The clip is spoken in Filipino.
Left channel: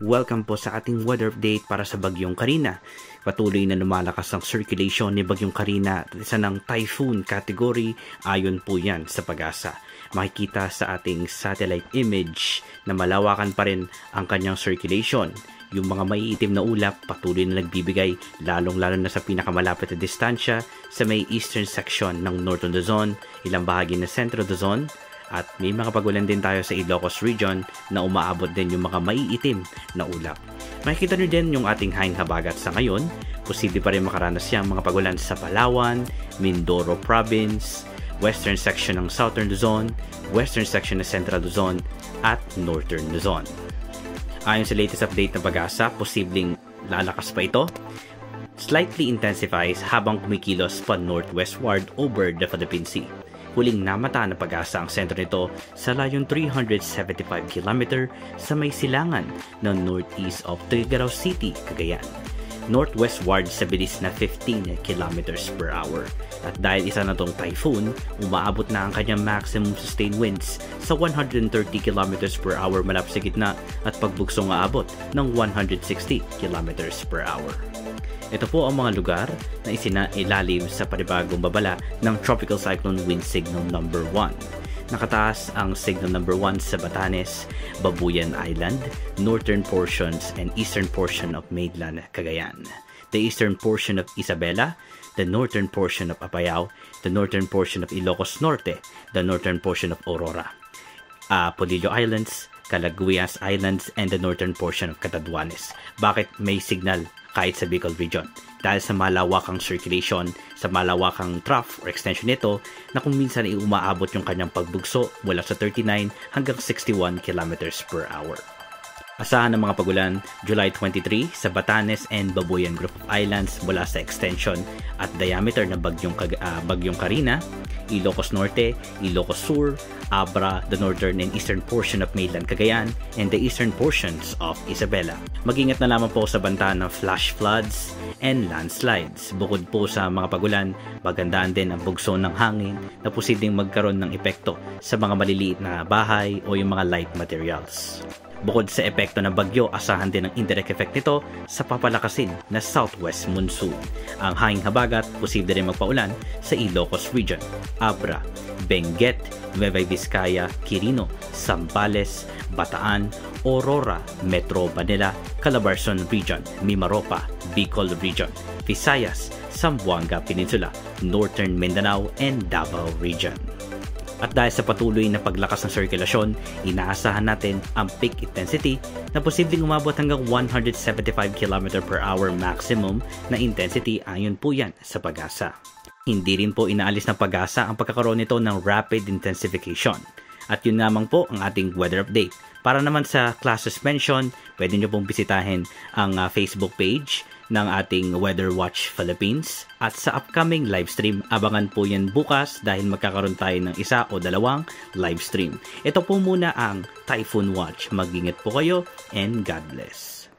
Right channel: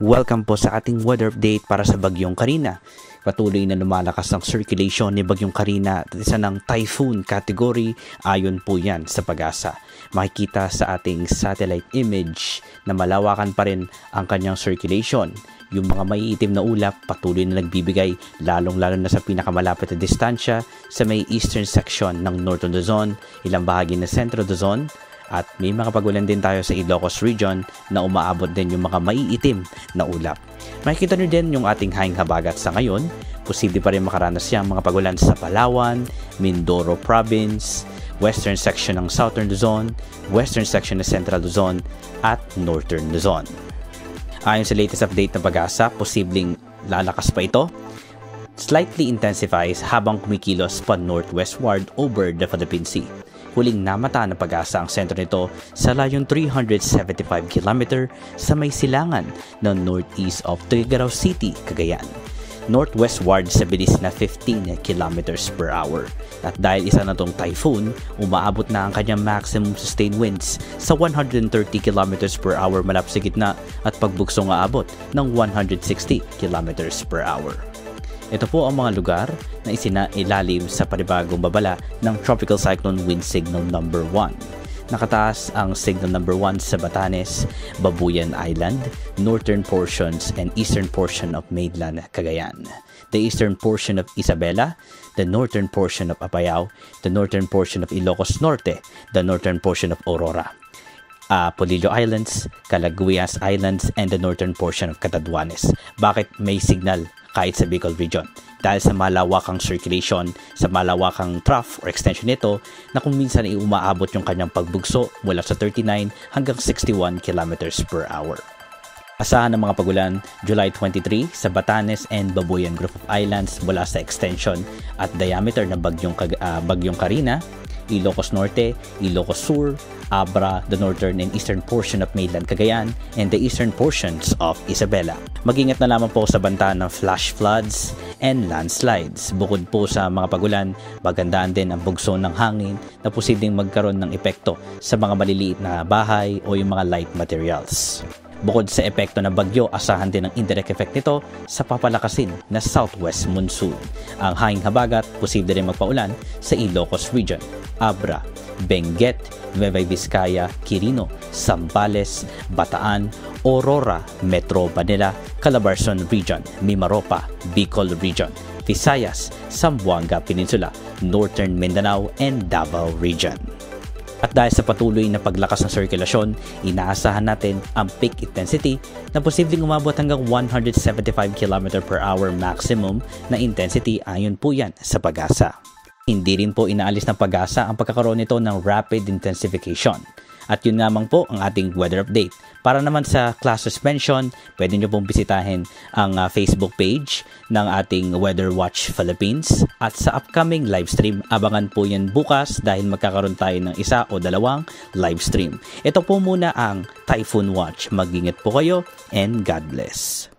Welcome po sa ating weather update para sa Bagyong Carina. Patuloy na lumalakas ang circulation ni Bagyong Carina at isa ng typhoon category ayon po yan sa Pag-asa. Makikita sa ating satellite image na malawakan pa rin ang kanyang circulation. Yung mga maiitim na ulap patuloy na nagbibigay lalong-lalo na sa pinakamalapit na distansya sa may eastern section ng Northern Luzon, ilang bahagi ng Central Luzon, at may mga pagulan din tayo sa Ilocos Region na umaabot din yung mga maiitim na ulap. Makikita nyo din yung ating hanging habagat sa ngayon. Posible pa rin makaranas siyang mga pagulan sa Palawan, Mindoro Province, western section ng Southern Luzon, western section ng Central Luzon, at Northern Luzon. Ayon sa latest update ng Pag-asa, posibleng lalakas pa ito. Slightly intensifies habang kumikilos pa northwestward over the Philippine Sea. Huling namata ng Pag-asa ang sentro nito sa layong 375 km sa may silangan ng northeast of Tuguegarao City, Cagayan. Northwestward sa bilis na 15 km per hour. At dahil isa na tong typhoon, umaabot na ang kanyang maximum sustained winds sa 130 km per hour malapit sa gitna at pagbuksong aabot ng 160 km per hour. Ito po ang mga lugar na isinailalim sa panibagong babala ng Tropical Cyclone Wind Signal number 1. Nakataas ang Signal number 1 sa Batanes, Babuyan Island, northern portions and eastern portion of mainland Cagayan, the eastern portion of Isabela, the northern portion of Apayao, the northern portion of Ilocos Norte, the northern portion of Aurora, Polillo Islands, Calaguas Islands, and the northern portion of Catanduanes. Bakit may signal kahit sa Bicol Region? Dahil sa malawakang circulation, sa malawakang trough or extension nito na kung minsan ay umaabot yung kanyang pagbugso mula sa 39 hanggang 61 km per hour. Asahan ng mga pagulan July 23 sa Batanes and Babuyan Group of Islands mula sa extension at diameter ng Bagyong Carina, Ilocos Norte, Ilocos Sur, Abra, the northern and eastern portion of mainland Cagayan, and the eastern portions of Isabela. Mag-ingat na lamang po sa banta ng flash floods and landslides. Bukod po sa mga pagulan, magandaan din ang bugso ng hangin na posibleng magkaroon ng epekto sa mga maliliit na bahay o yung mga light materials. Bukod sa epekto ng bagyo, asahan din ang indirect effect nito sa papalakasin na southwest monsoon. Ang hanging habagat, posible rin magpaulan sa Ilocos Region, Abra, Benguet, Nueva Vizcaya, Quirino, Zambales, Bataan, Aurora, Metro Manila, Calabarzon Region, Mimaropa, Bicol Region, Visayas, Zamboanga Peninsula, Northern Mindanao, and Davao Region. At dahil sa patuloy na paglakas ng sirkulasyon, inaasahan natin ang peak intensity na posibleng umabot hanggang 175 km per hour maximum na intensity ayon po yan sa Pag-asa. Hindi rin po inaalis ng Pag-asa ang pagkakaroon nito ng rapid intensification. At yun lamang po ang ating weather update. Para naman sa class suspension, pwede nyo pong bisitahin ang Facebook page ng ating Weather Watch Philippines. At sa upcoming live stream, abangan po yan bukas dahil magkakaroon tayo ng isa o dalawang live stream. Ito po muna ang Typhoon Watch. Mag-ingat po kayo and God bless.